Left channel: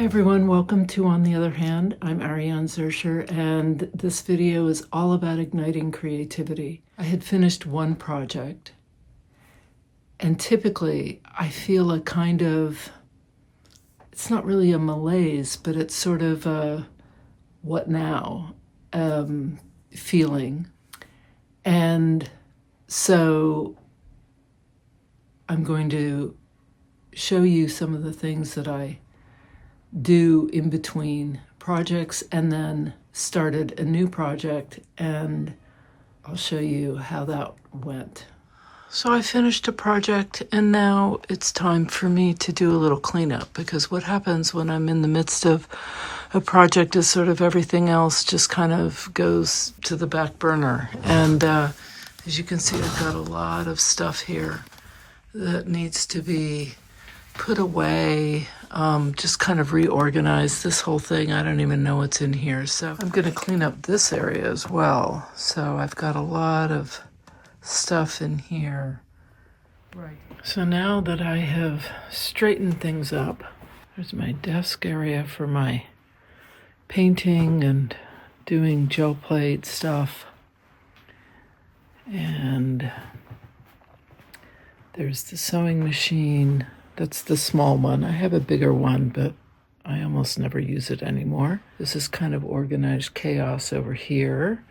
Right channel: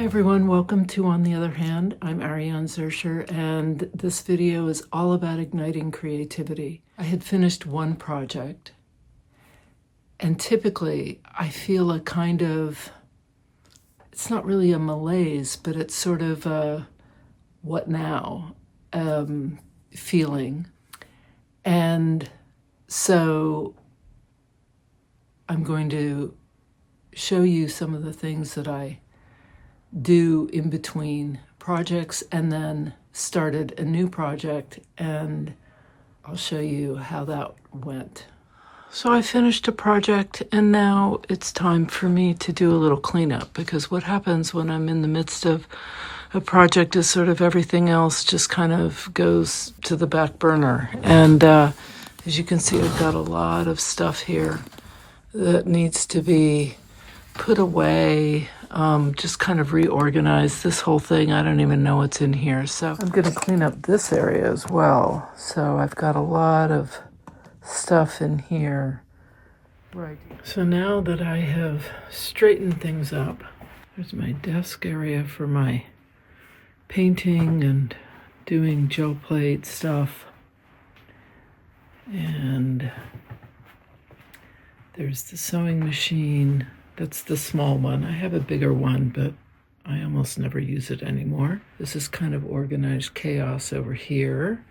Hi everyone, welcome to On the Other Hand. I'm Ariane Zurcher, and this video is all about igniting creativity. I had finished one project, and typically I feel a kind of, it's not really a malaise, but it's sort of a what now feeling. And so I'm going to show you some of the things that I do in between projects, and then started a new project, and I'll show you how that went. So I finished a project, and now it's time for me to do a little cleanup, because what happens when I'm in the midst of a project is sort of everything else just kind of goes to the back burner. And as you can see, I've got a lot of stuff here that needs to be put away, just kind of reorganize this whole thing. I don't even know what's in here. So I'm going to clean up this area as well. So I've got a lot of stuff in here. Right. So now that I have straightened things up, there's my desk area for my painting and doing gel plate stuff. And there's the sewing machine. That's the small one. I have a bigger one, but I almost never use it anymore. This is kind of organized chaos over here.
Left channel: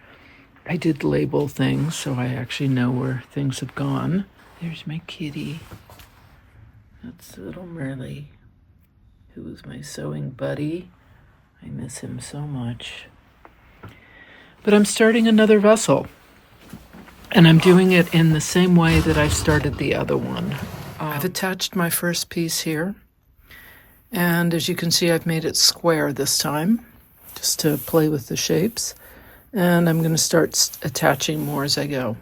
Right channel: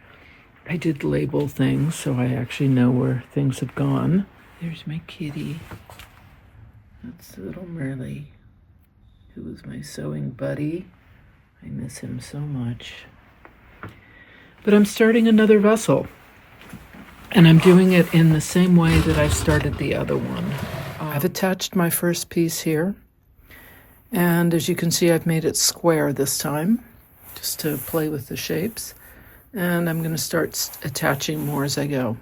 I did label things, so I actually know where things have gone. There's my kitty. That's little Merle, who was my sewing buddy. I miss him so much. But I'm starting another vessel, and I'm doing it in the same way that I started the other one. I've attached my first piece here, and as you can see, I've made it square this time, just to play with the shapes, and I'm going to start attaching more as I go.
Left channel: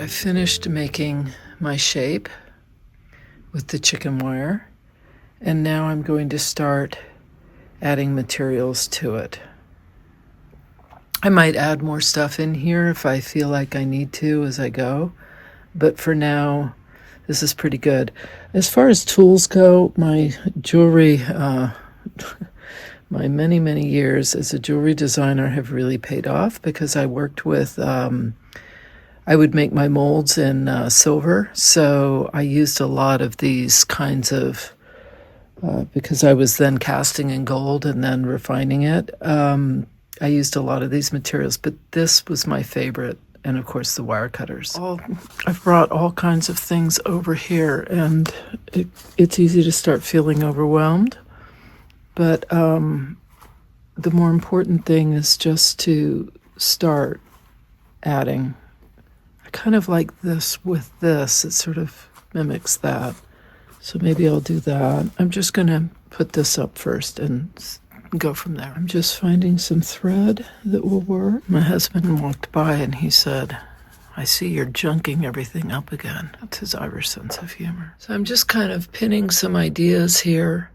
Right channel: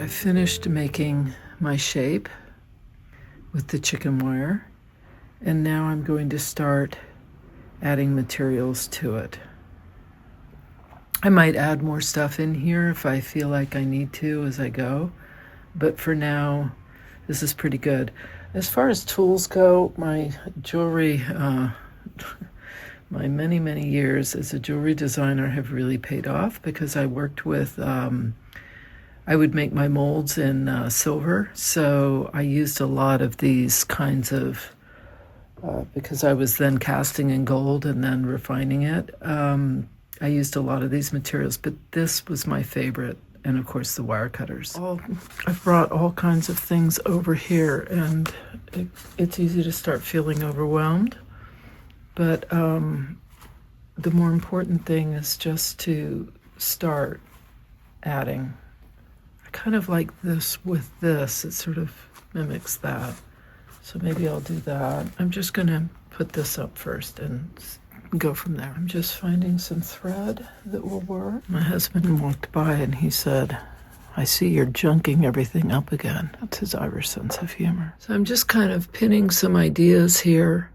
I finished making my shape with the chicken wire, and now I'm going to start adding materials to it. I might add more stuff in here if I feel like I need to as I go, but for now, this is pretty good. As far as tools go, my jewelry, my many years as a jewelry designer have really paid off, because I worked with I would make my molds in silver, so I used a lot of these kinds of, because I was then casting in gold and then refining it, I used a lot of these materials, but this was my favorite, and of course the wire cutters. I've brought all kinds of things over here, and it's easy to start feeling overwhelmed, but the more important thing is just to start adding. Kind of like this with this, it sort of mimics that. So maybe I'll do that. I'm just gonna put this up first and go from there. I'm just finding some thread that will work. My husband walked by and he said, "I see you're junking everything up again." That's his Irish sense of humor. So I'm just kind of pinning some ideas here.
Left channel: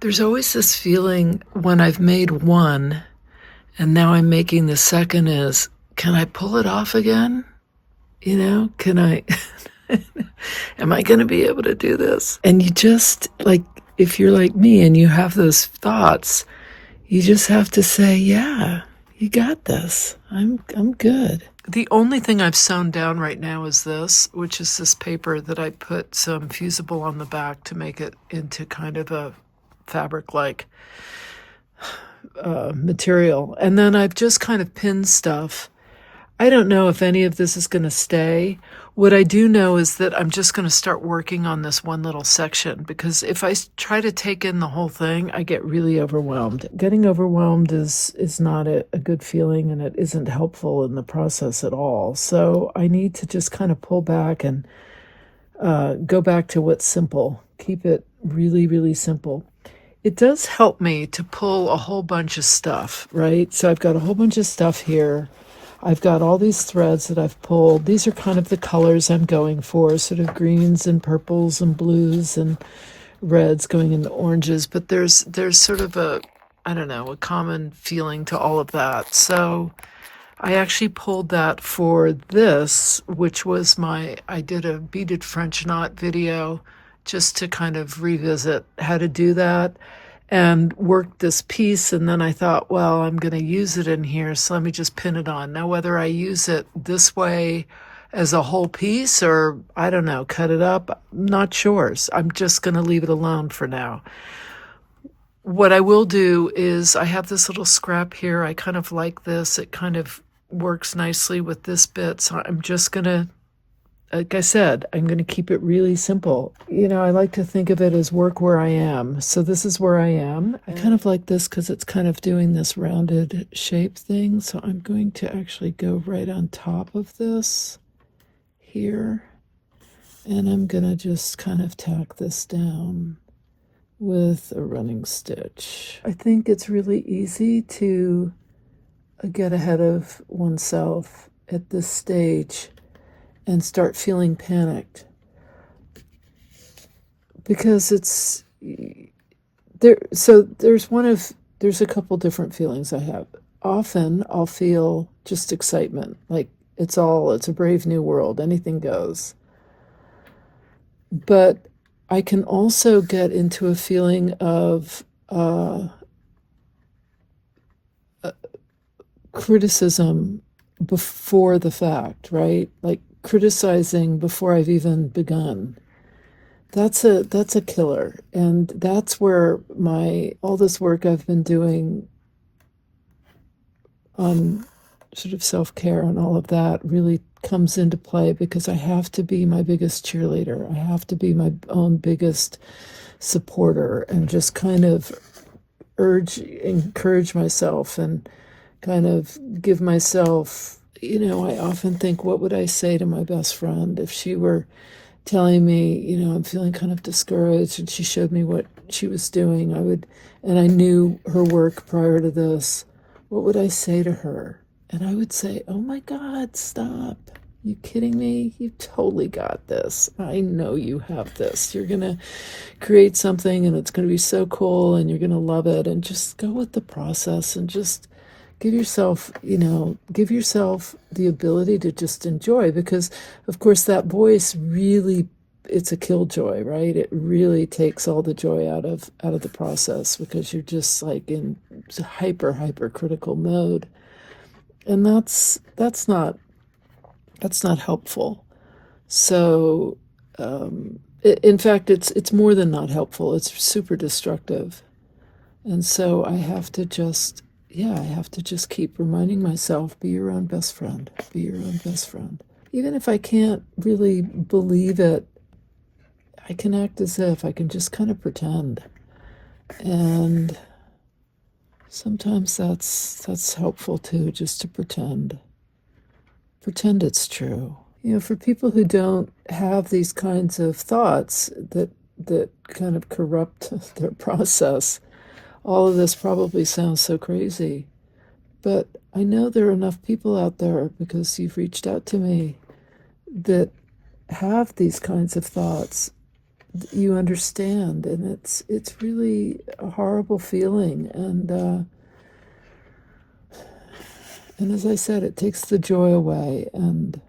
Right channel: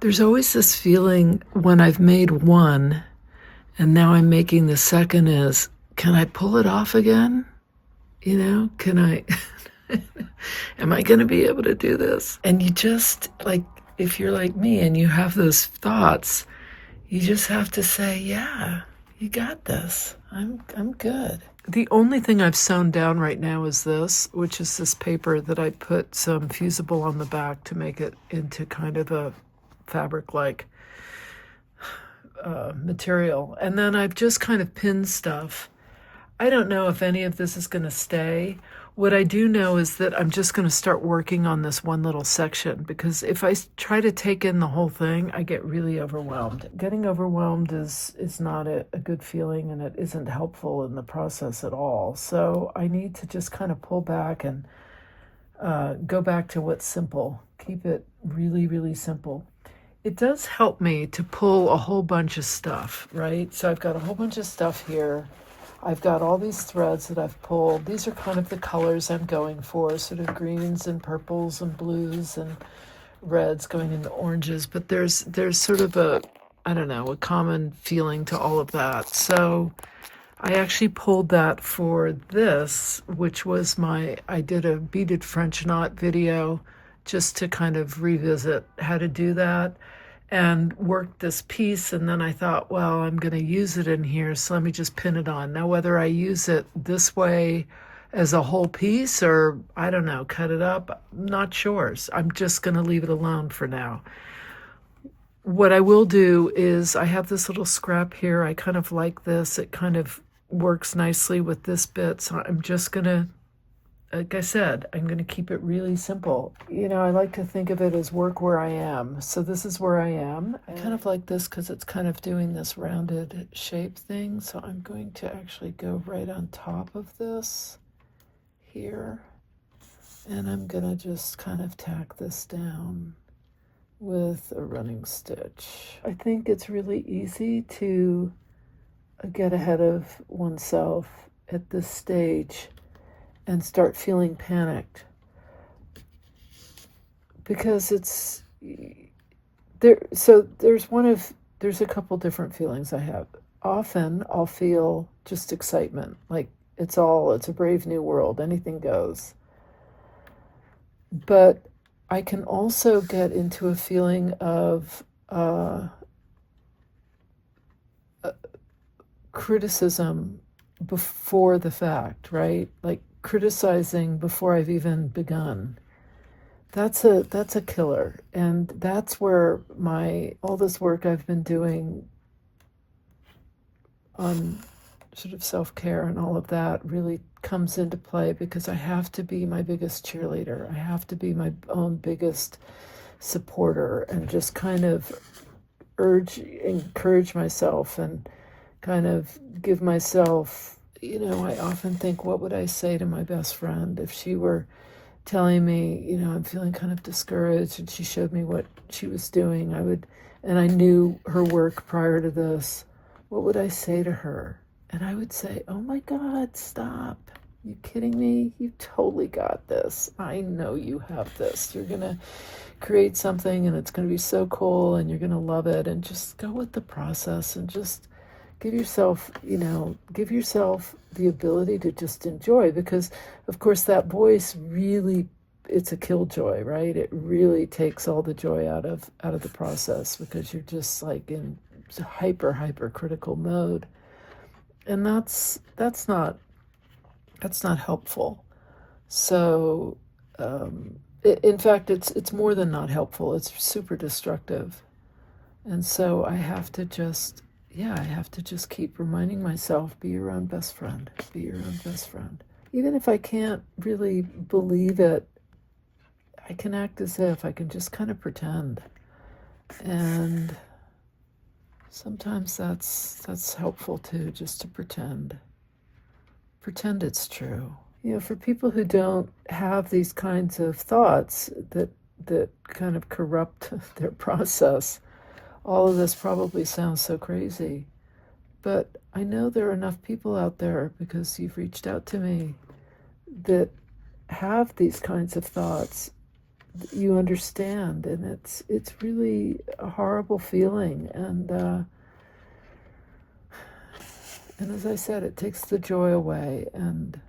There's always this feeling when I've made one and now I'm making the second is, can I pull it off again? You know, can I, am I going to be able to do this? And you just, like, if you're like me and you have those thoughts, you just have to say, yeah, you got this. I'm good. The only thing I've sewn down right now is this, which is this paper that I put some fusible on the back to make it into kind of a fabric-like material. And then I've just kind of pinned stuff. I don't know if any of this is going to stay. What I do know is that I'm just going to start working on this one little section, because if I try to take in the whole thing, I get really overwhelmed. Getting overwhelmed is not a good feeling, and it isn't helpful in the process at all. So I need to just kind of pull back and go back to what's simple. Keep it really, really simple. it does help me to pull a whole bunch of stuff, right? So I've got a whole bunch of stuff here. I've got all these threads that I've pulled. These are kind of the colors I'm going for, sort of greens and purples and blues and reds going into oranges. But there's sort of a, I don't know, a common feeling to all of that. So I actually pulled that for this, which was I did a beaded French knot video just to kind of revisit how to do that and worked this piece. And then I thought, well, I'm going to use it in here, so let me just pin it on. Now, whether I use it this way as a whole piece or, I don't know, cut it up, I'm not sure. I'm just going to leave it alone for now. What I will do is I have this little scrap here. I kind of like this. It kind of works nicely with this bit. So I'm just going to, like I said, I'm going to keep it really simple. You know, I like to think of it as work where I am. So this is where I am. I kind of like this because it's kind of doing this rounded shape thing. So I'm going to actually go right on top of this here. And I'm going to just kind of tack this down with a running stitch. I think it's really easy to get ahead of oneself at this stage and start feeling panicked because it's there. So there's a couple different feelings I have. Often I'll feel just excitement, like it's a brave new world, anything goes. But I can also get into a feeling of criticism before the fact, right? Like criticizing before I've even begun. That's a killer. And that's where all this work I've been doing on sort of self-care and all of that really comes into play, because I have to be my biggest cheerleader. I have to be my own biggest supporter and just kind of encourage myself and kind of give myself, I often think, what would I say to my best friend if she were telling me, I'm feeling kind of discouraged, and she showed me what she was doing. And I knew her work prior to this. What would I say to her? And I would say, oh my God, stop. You kidding me? You totally got this. I know you have this. You're going to create something and it's going to be so cool and you're going to love it. And just go with the process and just give yourself the ability to just enjoy, because of course that voice really, it's a killjoy, right? It really takes all the joy out of the process, because you're just like in hyper critical mode. And that's not helpful. So in fact, it's more than not helpful. It's super destructive. And so I have to just keep reminding myself, be your own best friend. Be your own best friend. Even if I can't really believe it, I can act as if. I can just kind of pretend. And sometimes that's helpful too, just to pretend. Pretend it's true. For people who don't have these kinds of thoughts that kind of corrupt their process, all of this probably sounds so crazy. But I know there are enough people out there, because you've reached out to me, that have these kinds of thoughts. You understand, and it's really a horrible feeling. And as I said, it takes the joy away. And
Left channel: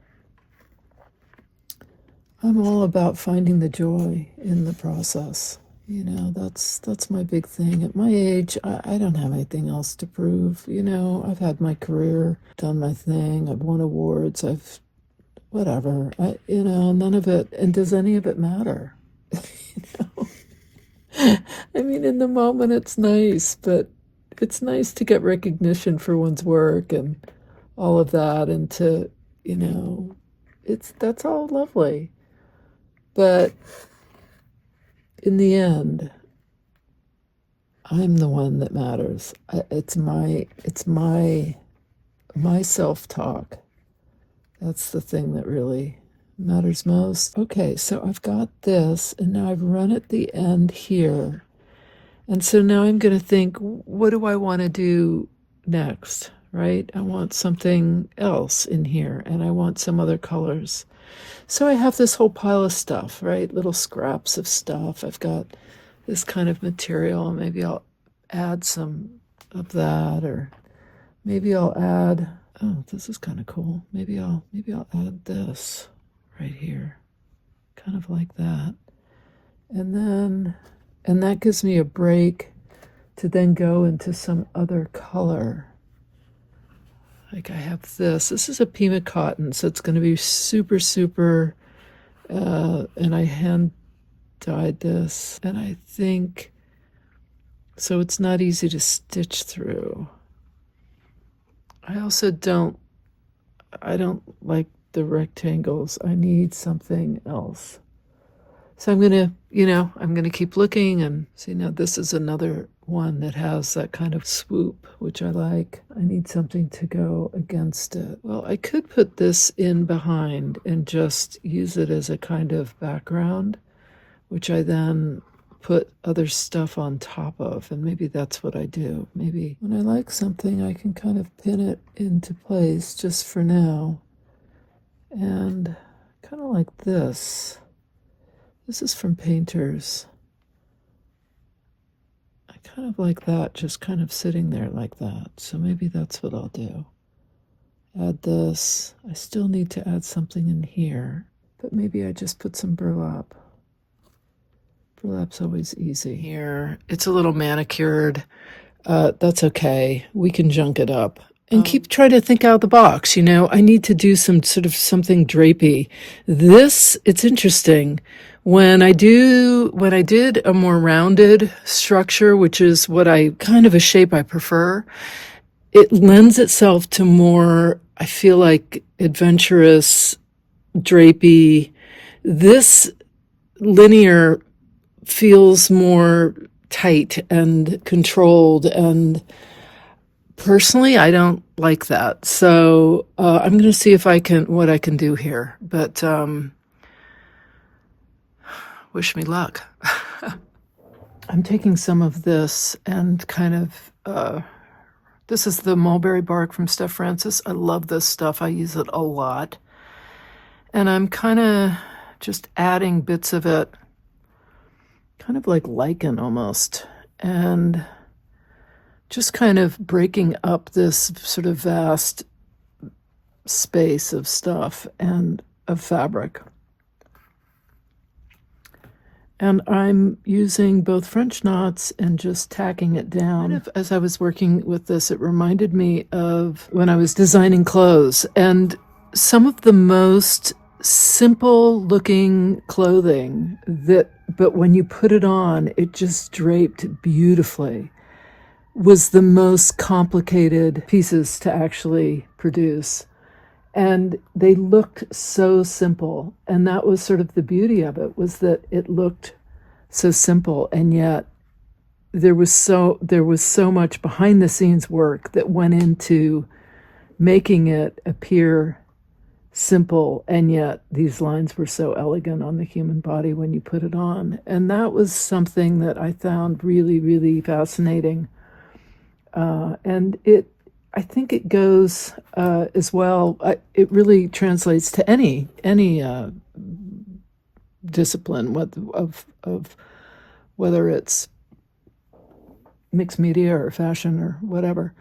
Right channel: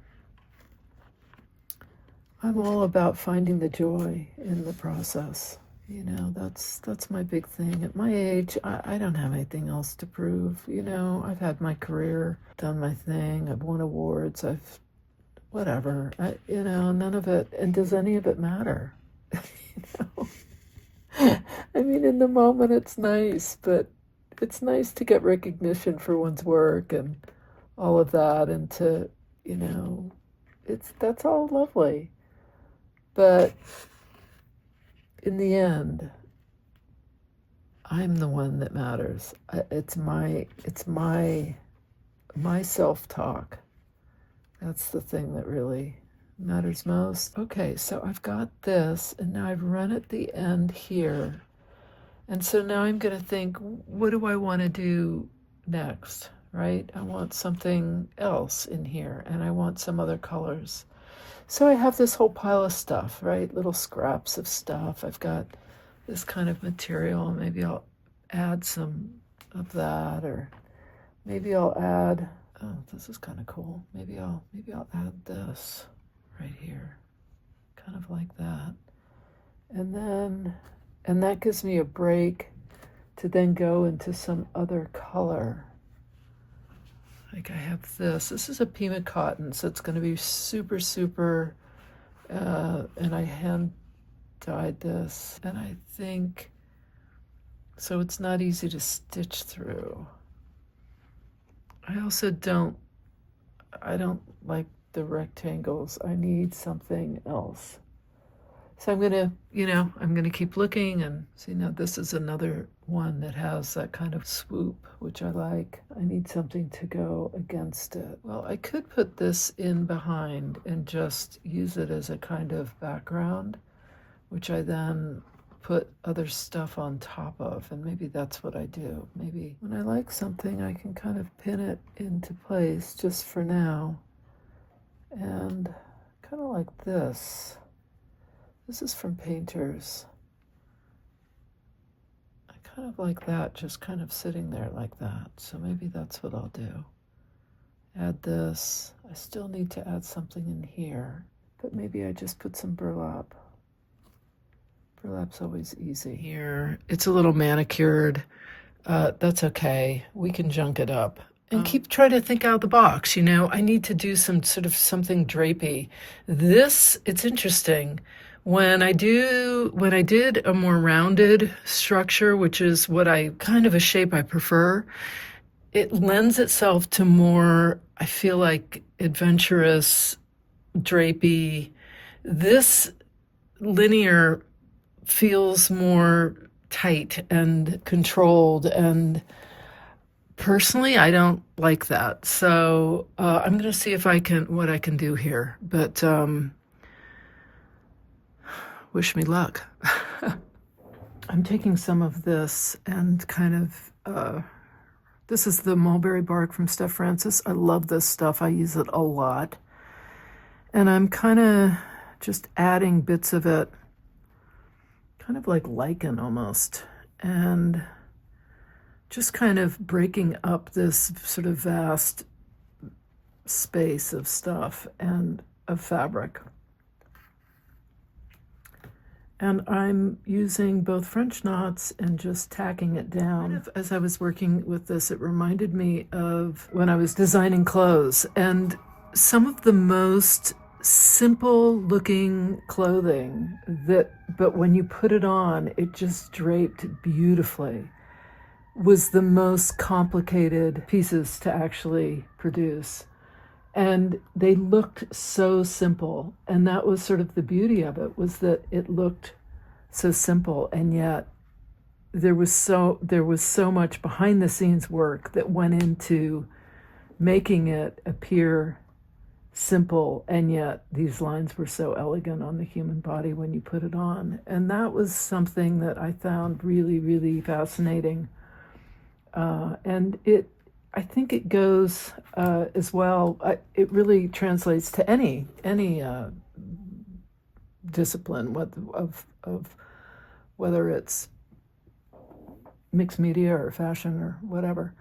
I'm all about finding the joy in the process. That's my big thing. At my age, I don't have anything else to prove. I've had my career, done my thing, I've won awards, whatever. None of it, and does any of it matter? I mean, in the moment it's nice, but it's nice to get recognition for one's work and all of that, and to, that's all lovely. But in the end, I'm the one that matters. It's my self-talk. That's the thing that really matters most. Okay, so I've got this, and now I've run at the end here, And so now I'm going to think, what do I want to do next, right? I want something else in here, and I want some other colors. So I have this whole pile of stuff, right? Little scraps of stuff. I've got this kind of material. Maybe I'll add some of that, or maybe I'll add, oh, this is kind of cool. Maybe I'll add this right here, kind of like that. And that gives me a break to then go into some other color. Like I have this. This is a Pima cotton, so it's going to be super, super, and I hand dyed this. And I think, so it's not easy to stitch through. I also don't like the rectangles. I need something else. So I'm gonna keep looking and see. Now this is another one that has that kind of swoop, which I like. I need something to go against it. Well, I could put this in behind and just use it as a kind of background, which I then put other stuff on top of, and maybe that's what I do. Maybe when I like something, I can kind of pin it into place just for now. And kind of like this. This is from Painters. I kind of like that, just kind of sitting there like that. So maybe that's what I'll do. Add this. I still need to add something in here, but maybe I just put some burlap. Burlap's always easy. Here, it's a little manicured. That's okay. We can junk it up. And keep trying to think out of the box. I need to do some sort of something drapey. This, it's interesting. When I did a more rounded structure, which is what kind of a shape I prefer, it lends itself to more, I feel like, adventurous, drapey. This linear feels more tight and controlled, and personally, I don't like that. So I'm going to see what I can do here. But wish me luck. I'm taking some of this and kind of, this is the mulberry bark from Steph Francis. I love this stuff. I use it a lot. And I'm kind of just adding bits of it, kind of like lichen almost, and just kind of breaking up this sort of vast space of stuff and of fabric. And I'm using both French knots and just tacking it down. As I was working with this, it reminded me of when I was designing clothes, and some of the most simple looking clothing but when you put it on, it just draped beautifully, was the most complicated pieces to actually produce. And they looked so simple. And that was sort of the beauty of it, was that it looked so simple. And yet there was so much behind the scenes work that went into making it appear simple. And yet these lines were so elegant on the human body when you put it on. And that was something that I found really, really fascinating. And I think it goes as well. It really translates to any discipline of whether it's mixed media or fashion or whatever.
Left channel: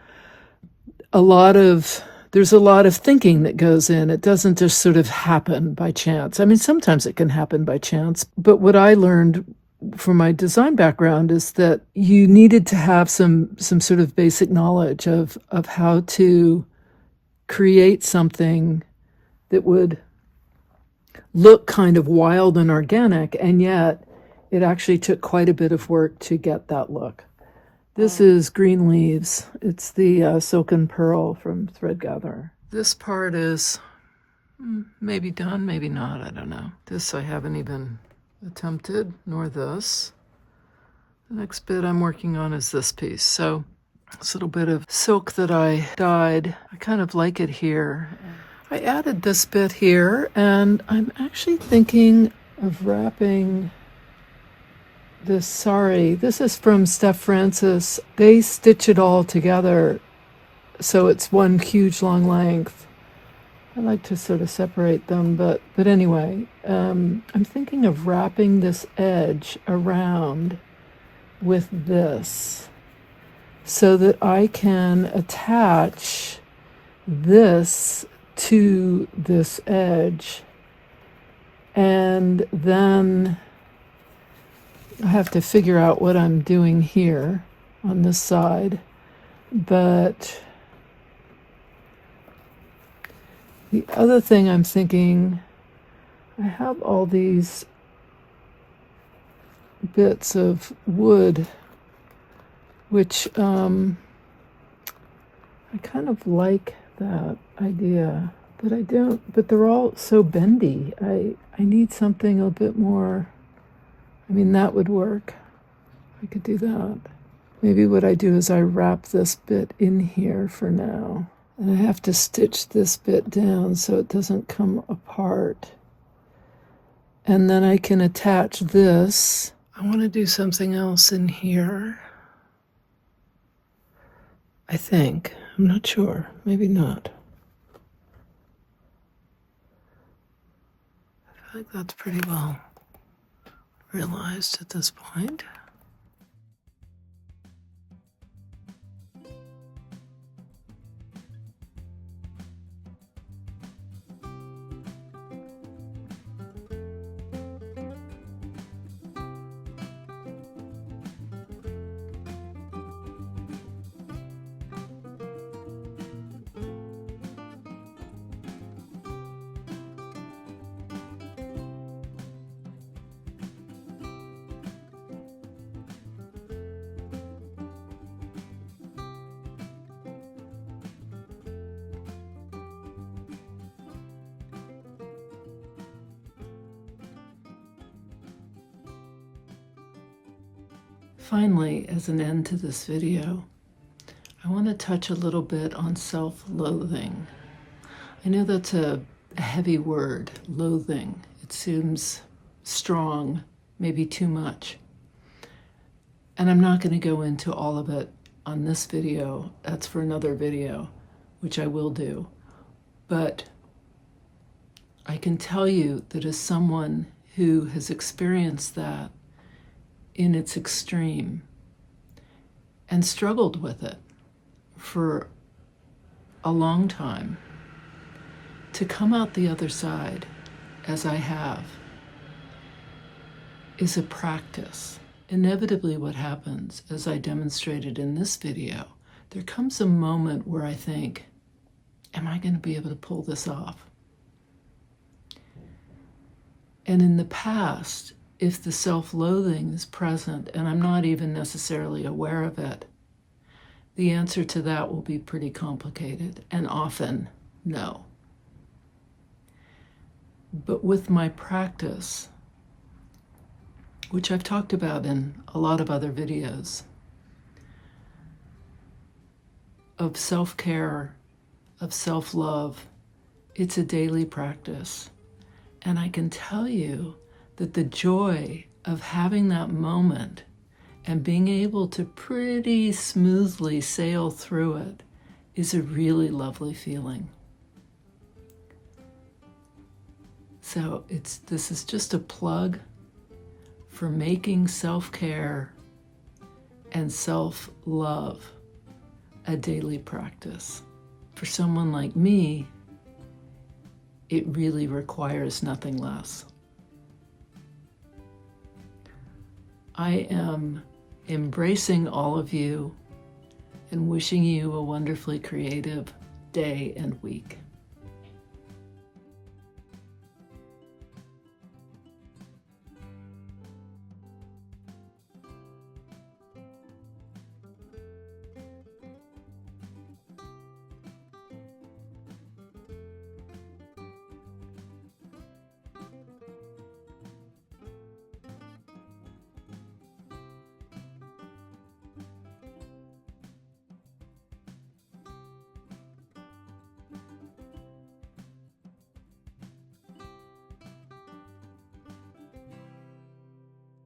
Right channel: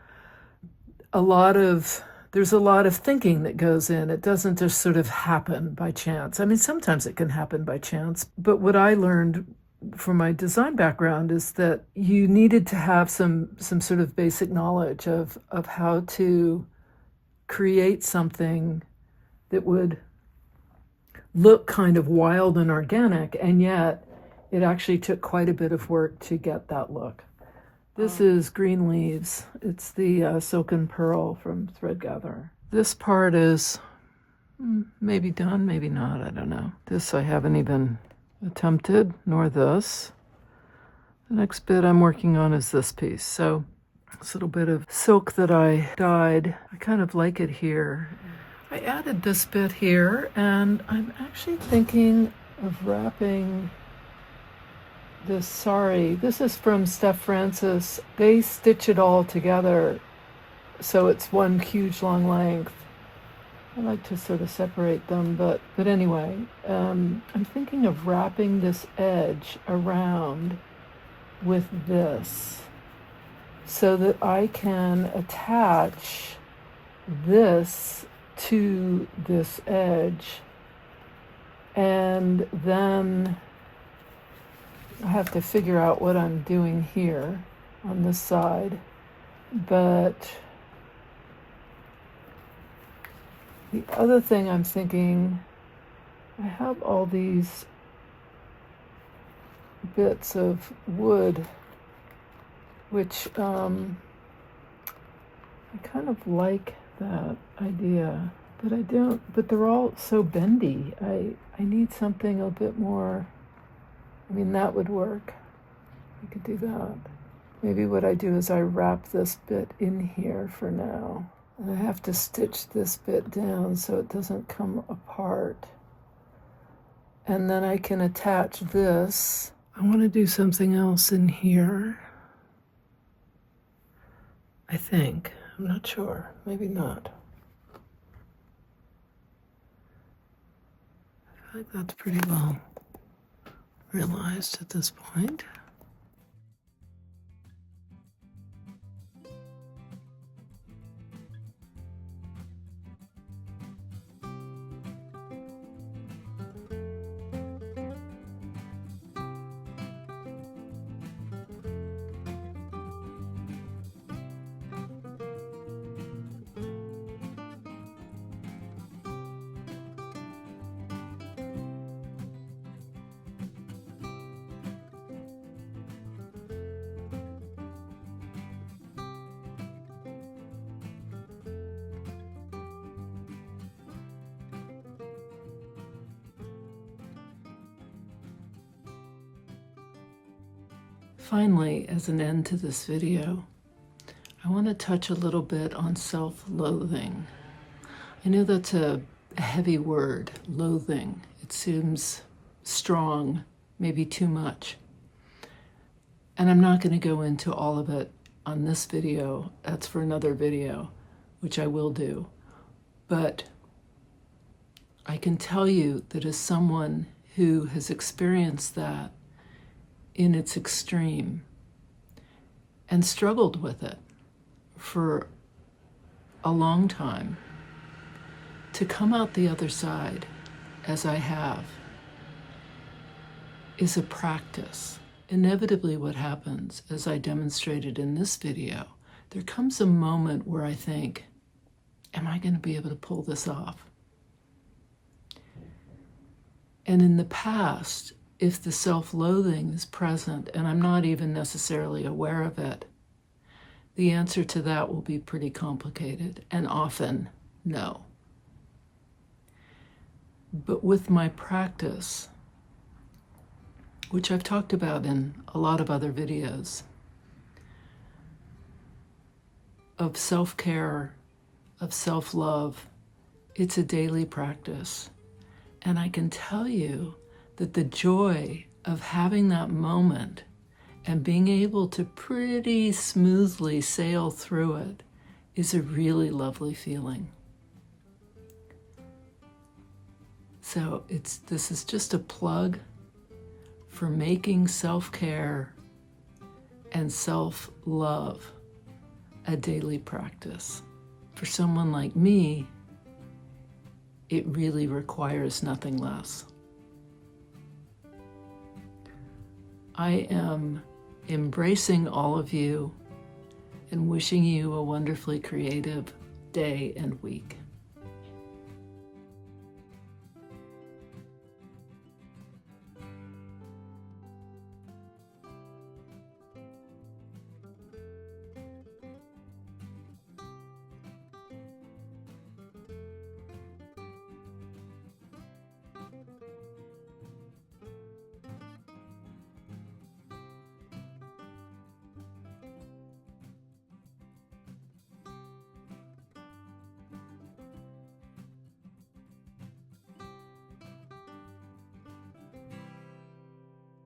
There's a lot of thinking that goes in. It doesn't just sort of happen by chance. I mean, sometimes it can happen by chance, but what I learned from my design background is that you needed to have some sort of basic knowledge of how to create something that would look kind of wild and organic, and yet it actually took quite a bit of work to get that look. This is Green Leaves. It's the Silken Pearl from Thread Gatherer. This part is maybe done, maybe not, I don't know. This I haven't even attempted, nor this. The next bit I'm working on is this piece. So this little bit of silk that I dyed, I kind of like it here. I added this bit here, and I'm actually thinking of wrapping this sari. This is from Steph Francis. They stitch it all together so it's one huge long length. I like to sort of separate them, but anyway, I'm thinking of wrapping this edge around with this so that I can attach this to this edge, and then I have to figure out what I'm doing here on this side. But the other thing I'm thinking, I have all these bits of wood, which I kind of like that idea, but I don't, but they're all so bendy. I need something a bit more. I mean, that would work. I could do that. Maybe what I do is I wrap this bit in here for now. And I have to stitch this bit down so it doesn't come apart. And then I can attach this. I want to do something else in here, I think. I'm not sure. Maybe not. I feel like that's pretty well realized at this point. Finally, as an end to this video, I want to touch a little bit on self-loathing. I know that's a heavy word, loathing. It seems strong, maybe too much. And I'm not going to go into all of it on this video. That's for another video, which I will do. But I can tell you that as someone who has experienced that in its extreme and struggled with it for a long time, to come out the other side, as I have, is a practice. Inevitably what happens, as I demonstrated in this video, there comes a moment where I think, am I going to be able to pull this off? And in the past, if the self-loathing is present and I'm not even necessarily aware of it, the answer to that will be pretty complicated, and often no. But with my practice, which I've talked about in a lot of other videos, of self-care, of self-love, it's a daily practice. And I can tell you that the joy of having that moment and being able to pretty smoothly sail through it is a really lovely feeling. So this is just a plug for making self-care and self-love a daily practice. For someone like me, it really requires nothing less. I am embracing all of you and wishing you a wonderfully creative day and week.